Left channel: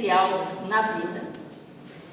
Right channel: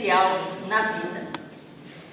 essencial na vida?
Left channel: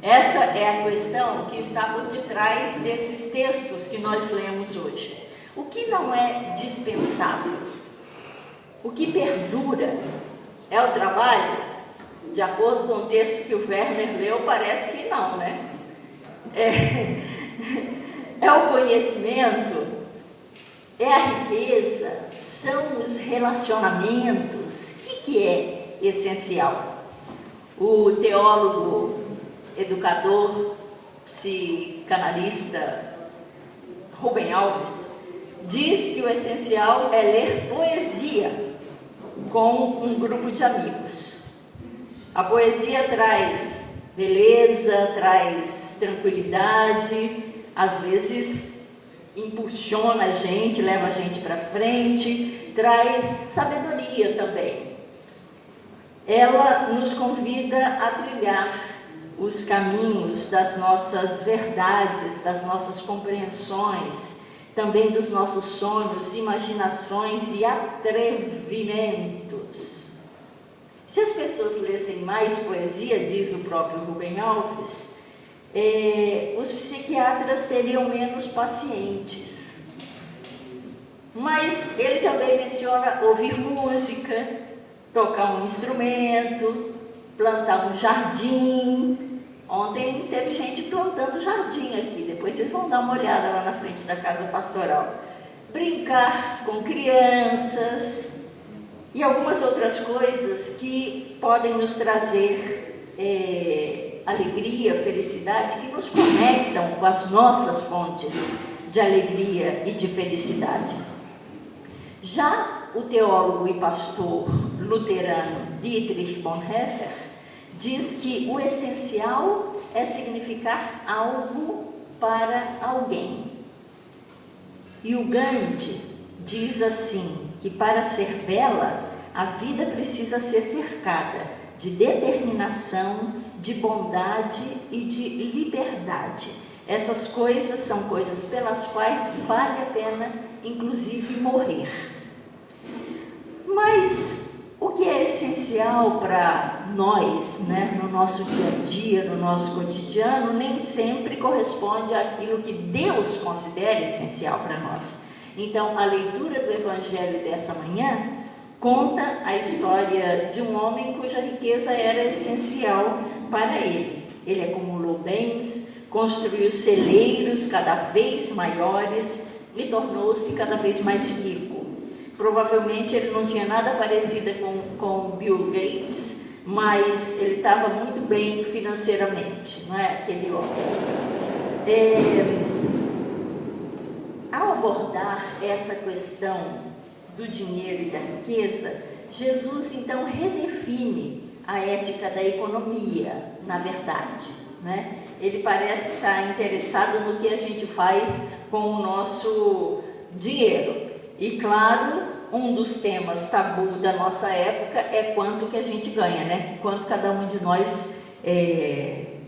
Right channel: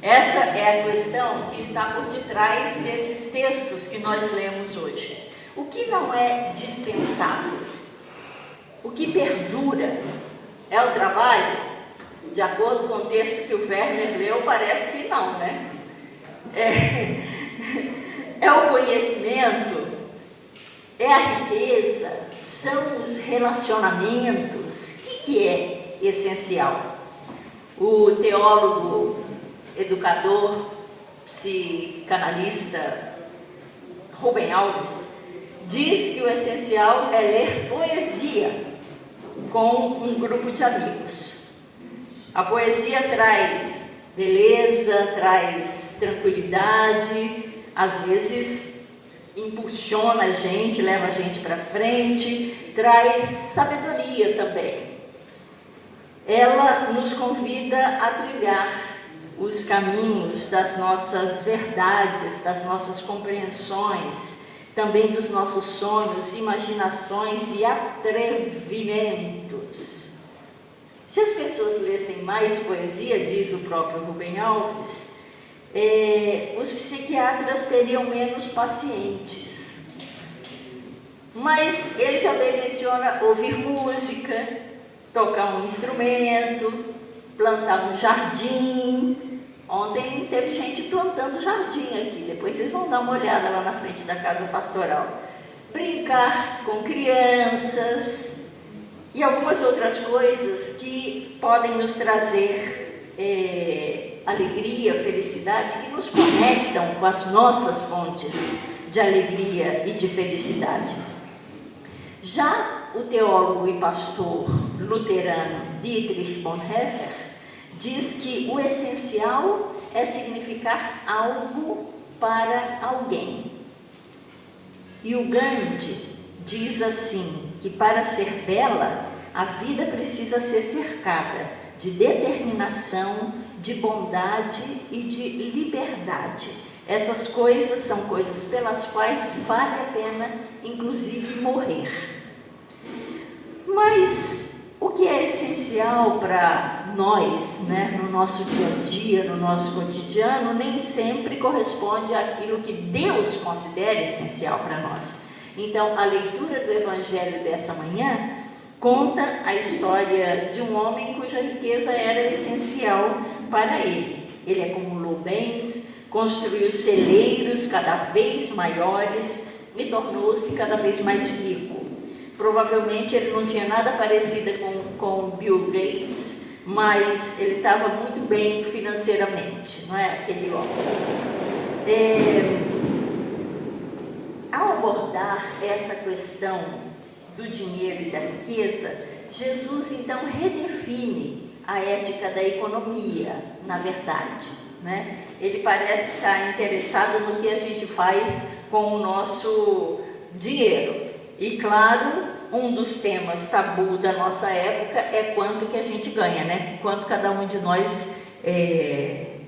Essa é a questão que está por detrás desses textos que nós lemos hoje. O que não é dispensável? O que perdura? É o trabalho? De acordo com o texto que o Werner leu, parece que não, né? É o conhecimento? É a riqueza? São os relacionamentos? O que é essencial? O teólogo, educador, psicanalista Rubem Alves diz que o essencial é ler poesia com um grupo de amigos. A poesia traz beleza, traz tranquilidade, às vezes impulsiona a gente, leva a gente para frente, traz sabedoria também. Ela nos convida a trilhar os caminhos das nossas verdades, das nossas compreensões, também dos nossos sonhos, imaginações e atrevimentos. Se as pessoas lessem mais poesia, diz o próprio Rubem Alves, os psiquiatras teriam menos pacientes. Mas ele também menciona ouvir música, tocar um instrumento, plantar um jardim. Ontem teve gente plantando jardim aqui, depois vocês vão dar uma olhada lá na frente da casa pastoral. Brincar com crianças e algumas outras coisas que podem nos trazer alegria, felicidade, que nos conectam com as nossas fontes de alegria e de felicidade. Já o teólogo e pastor luterano Dietrich Bonhoeffer diz que o essencial é significar algo para alguém. E o Gandhi diz assim, que para ser bela, a vida precisa ser cercada de determinação, de bondade e de liberdade. Essas coisas são coisas pelas quais vale a pena, inclusive, morrer. Mas o que é essencial para nós, né, no nosso dia a dia, no nosso cotidiano, nem sempre corresponde àquilo que Deus considera essencial para nós. Então, a leitura do Evangelho dessa manhã conta a história de um homem cuja riqueza era essencial para ele. Ele acumulou bens, construiu celeiros cada vez maiores e tornou-se cada vez mais rico. Provavelmente ele não tinha nada parecido com Bill Gates, mas ele estava muito bem financeiramente, não é? Aquele homem. Ao abordar essa questão do dinheiro e da riqueza, Jesus então redefine a ética da economia, na verdade, né? Ele parece estar interessado no que a gente faz com o nosso dinheiro. E claro, um dos temas tabu da nossa época é quanto que a gente ganha, né? Quanto cada um de nós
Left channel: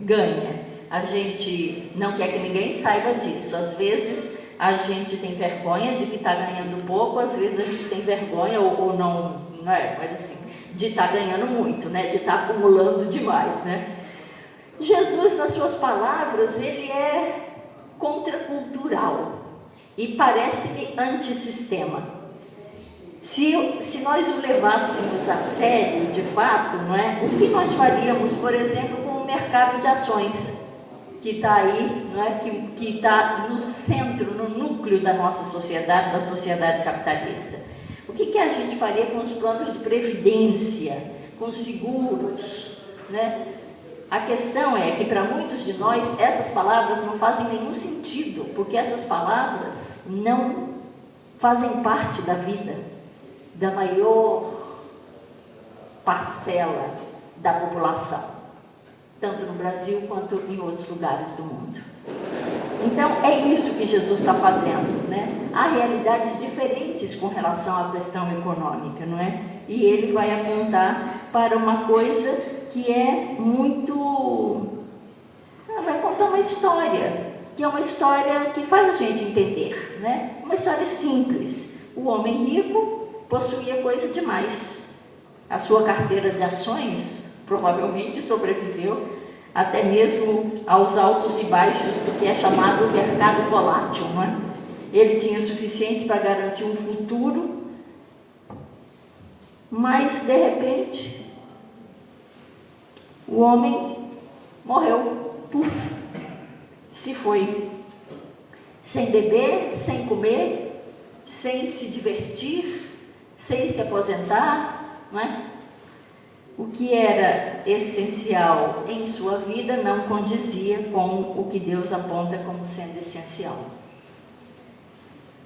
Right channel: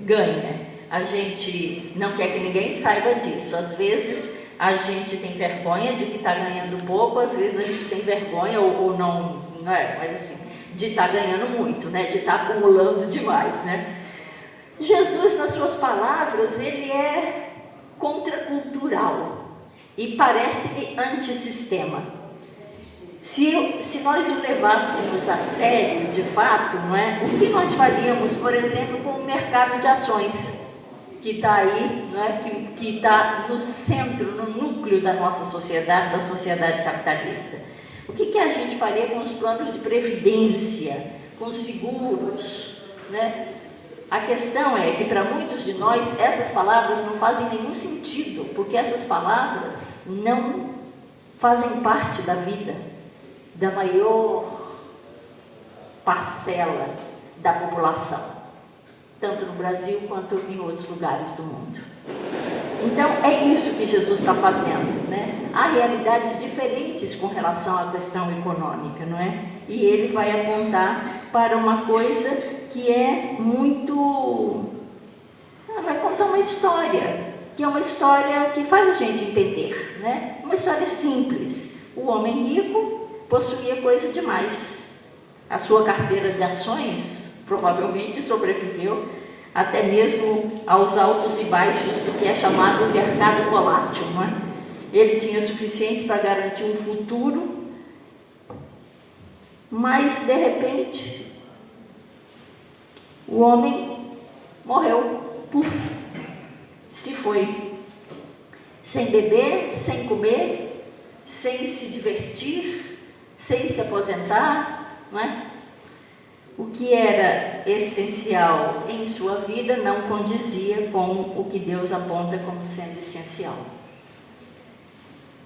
ganha. A gente não quer que ninguém saiba disso. Às vezes a gente tem vergonha de que está ganhando pouco, às vezes a gente tem vergonha ou não, né? Mas assim, de estar ganhando muito, né? De estar acumulando demais, né? Jesus, nas suas palavras, ele é contracultural e parece-me antissistema. Se nós o levássemos a sério, de fato, não é? O que nós faríamos, por exemplo, com o mercado de ações, que está aí, não é? Que está no centro, no núcleo da nossa sociedade, da sociedade capitalista? O que a gente faria com os planos de previdência, com os seguros, né? A questão é que para muitos de nós essas palavras não fazem nenhum sentido, porque essas palavras não fazem parte da vida da maior parcela da população, tanto no Brasil quanto em outros lugares do mundo. Então é isso que Jesus está fazendo, né? Há realidades diferentes com relação à questão econômica, não é? E ele vai apontar para uma coisa que é muito... vai contar uma história, que é uma história que faz a gente entender, né? Uma história simples. O homem rico possuía coisa demais. A sua carteira de ações provavelmente sobreviveu até mesmo aos altos e baixos do que é chamado mercado volátil, não é? Ele tinha o suficiente para garantir um futuro, mas de repente o homem morreu, se foi, sem beber, sem comer, sem se divertir, sem se aposentar, não é? O que era essencial em sua vida não condizia com o que Deus aponta como sendo essencial.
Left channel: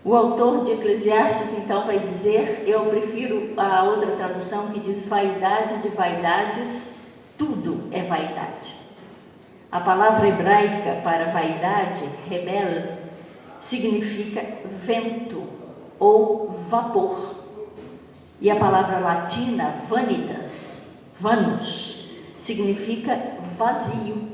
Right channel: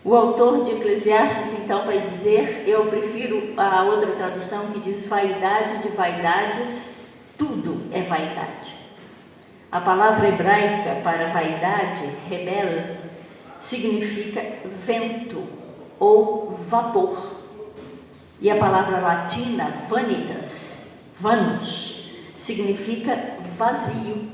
O autor de Eclesiastes, então, vai dizer, eu prefiro a outra tradução que diz vaidade de vaidades, tudo é vaidade. A palavra hebraica para vaidade, rebel, significa vento ou vapor. E a palavra latina, vanitas, vanus, significa vazio.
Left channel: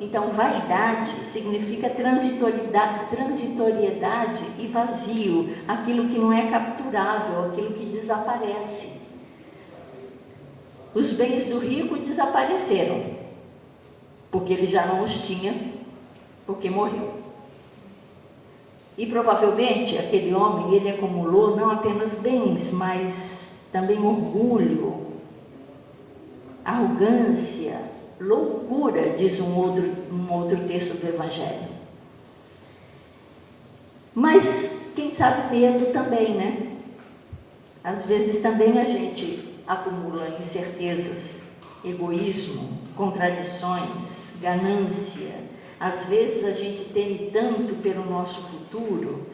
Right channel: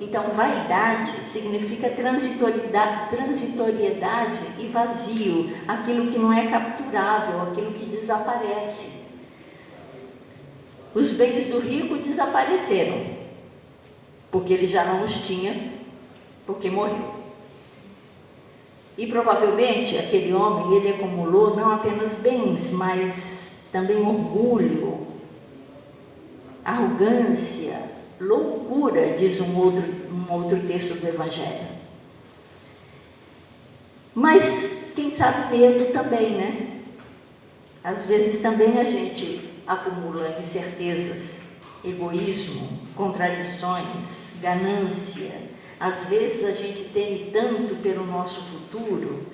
Então, vaidade significa transitoriedade e vazio, aquilo que não é capturável, aquilo que desaparece. Os bens do rico desapareceram, porque ele já não os tinha, porque morreu. E provavelmente aquele homem, ele acumulou não apenas bens, mas também orgulho, arrogância, loucura, diz um outro texto do Evangelho. Mas, quem sabe, medo também, né? Às vezes também a gente acumula incertezas, egoísmo, contradições, ganância. Às vezes a gente tem tanto pelo nosso futuro,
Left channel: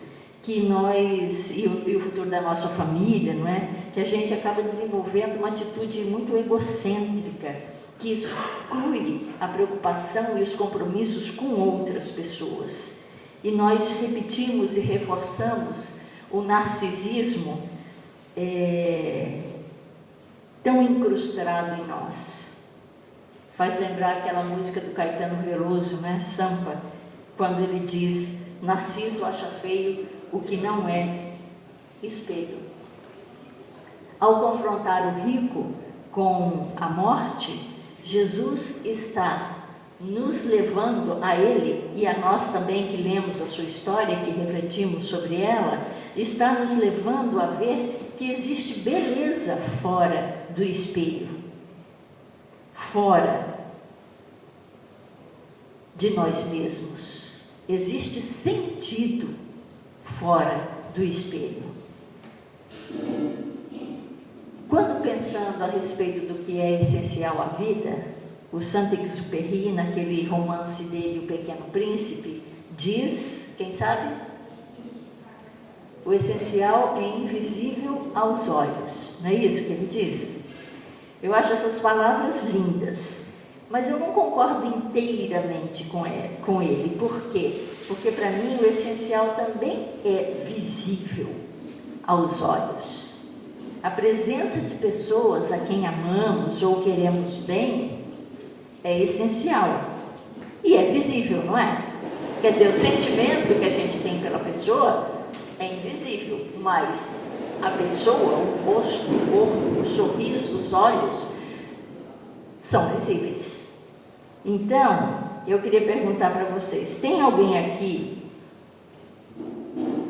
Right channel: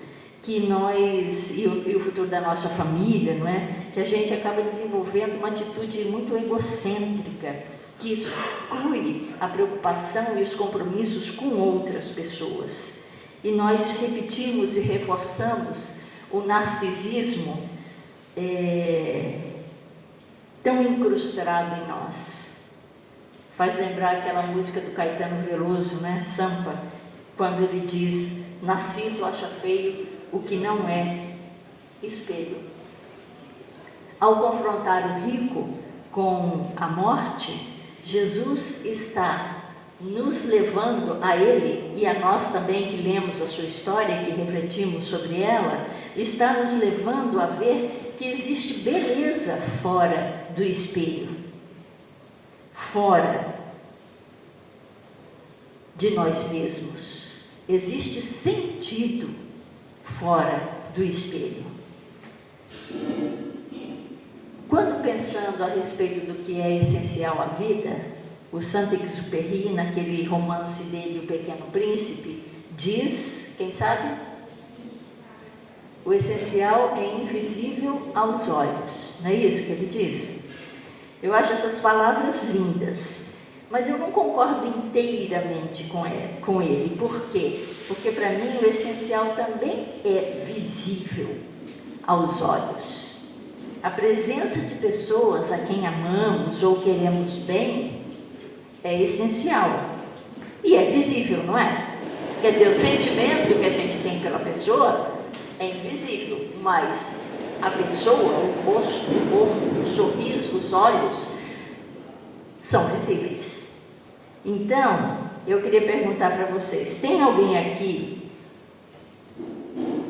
que nós, e o futuro da nossa família, não é? Que a gente acaba desenvolvendo uma atitude muito egocêntrica, que exclui a preocupação e os compromissos com outras pessoas. E nós repetimos e reforçamos o narcisismo tão incrustado em nós. Faz lembrar aquela música do Caetano Veloso, né? Sampa, quando ele diz: Narciso acha feio o que não é espelho. Ao confrontar o rico com a morte, Jesus está nos levando a ele, e a nós também que lemos a sua história, que refletimos sobre ela, está nos levando a ver que existe beleza fora do espelho, fora de nós mesmos. Existe sentido fora do espelho. Quando pensando a respeito do que é essencial à vida, o Saint-Exupéry, naquele romance dele, O Pequeno Príncipe, diz, quem sabe? O essencial é invisível aos olhos. Não é isso que ele diz? Eu acho essas palavras lindas, mas eu não concordo inteiramente com ele. Por quê? Porque para mim o essencial também é visível aos olhos. A presença de pessoas a quem amamos ou queremos bem é essencial e é visível, não é? Quer dizer, o sentimento que a gente tem pela pessoa é invisível, mas a pessoa, o rosto, o corpo, o sorriso, os olhos são visíveis. Então, eu queria perguntar para vocês: tem alguém aqui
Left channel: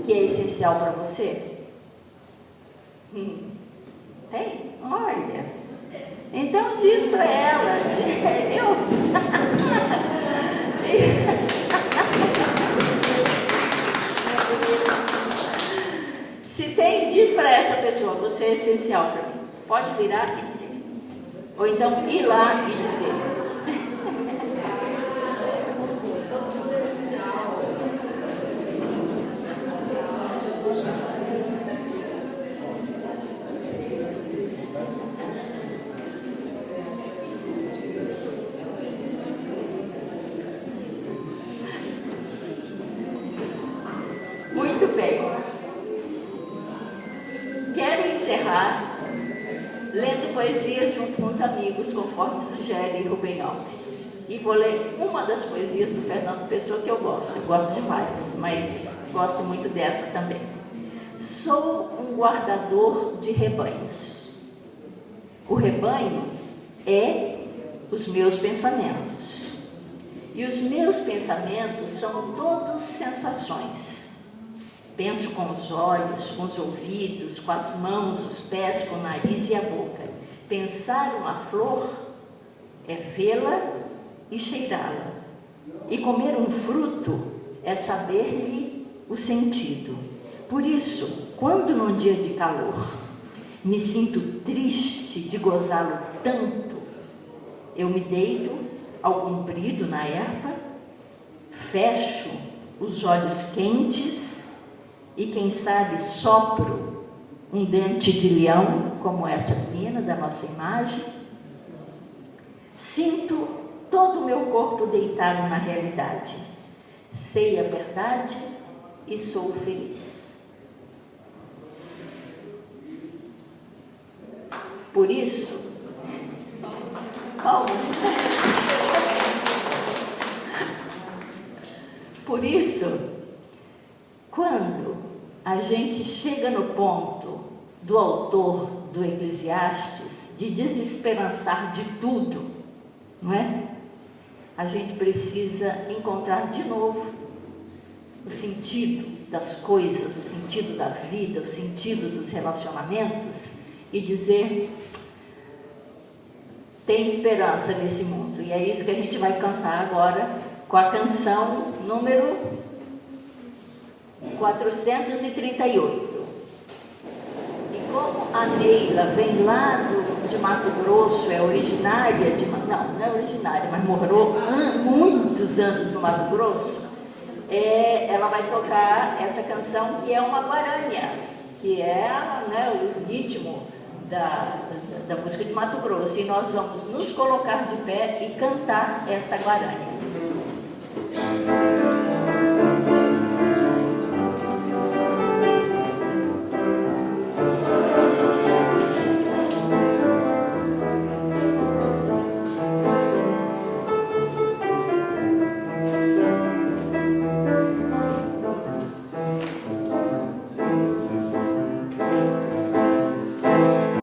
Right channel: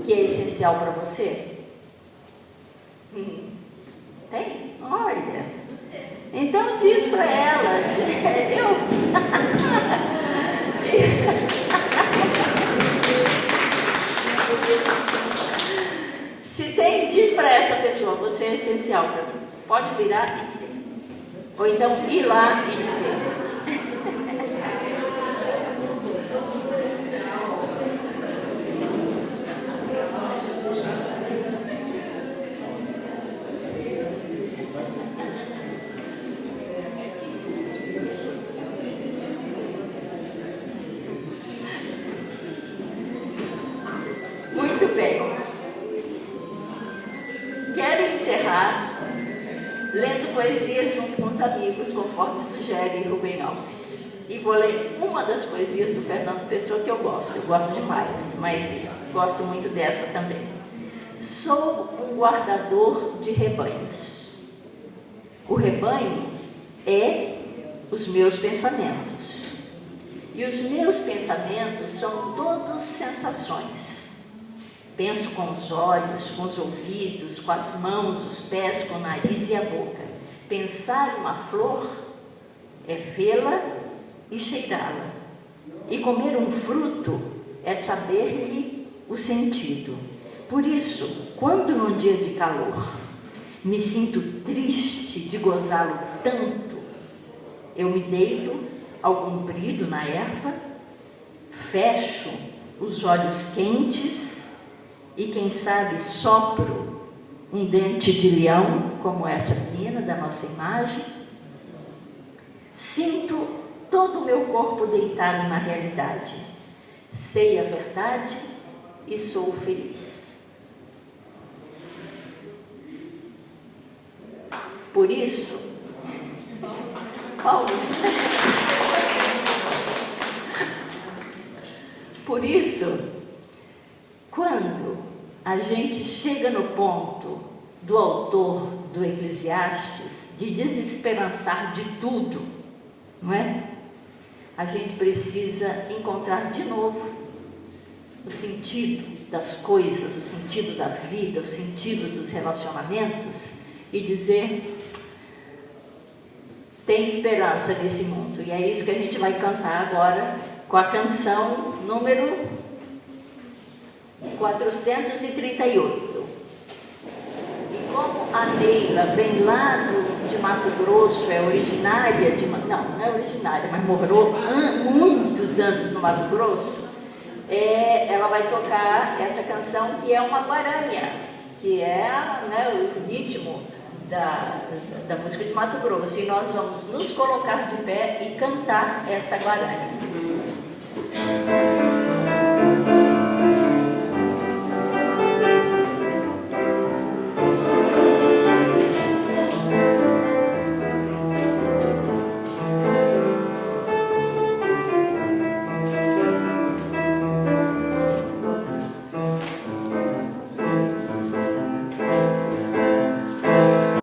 que é essencial para você? Tem? Olha. Então diz para ela. Se tem, diz para essa pessoa: você é essencial para mim. Pode virar e dizer. Ou então ir lá e dizer. Lendo poesias junto com os amigos, conforme sugere Rubem Alves. E vou ler uma das poesias do Fernando Pessoa que eu gosto demais, mas gosto muito dessa também. Sou um guardador de rebanhos. O rebanho é os meus pensamentos. E os meus pensamentos são todos sensações. Penso com os olhos, com os ouvidos, com as mãos, os pés, com o nariz e a boca. Pensar uma flor é vê-la e cheirá-la. E comer um fruto é saber-lhe o sentido. Por isso, quando num dia de calor me sinto triste de gozá-lo tanto, eu me deito ao comprido na erva, fecho os olhos quentes e, quem sabe, sopro um dente de leão, como essa menina da nossa imagem. Sinto todo o meu corpo deitado na realidade. Sei a verdade e sou feliz. Por isso, quando a gente chega no ponto do autor do Eclesiastes de desesperançar de tudo, não é? A gente precisa encontrar de novo o sentido das coisas, o sentido da vida, o sentido dos relacionamentos e dizer: tem esperança nesse mundo. E é isso que a gente vai cantar agora com a canção número 438. E como a Neila vem lá de Mato Grosso, é originária de... Não é originária, mas morou muitos anos no Mato Grosso, ela vai tocar essa canção que é uma guarânia, que é, né, o ritmo da música de Mato Grosso. E nós vamos nos colocar de pé e cantar esta guarânia.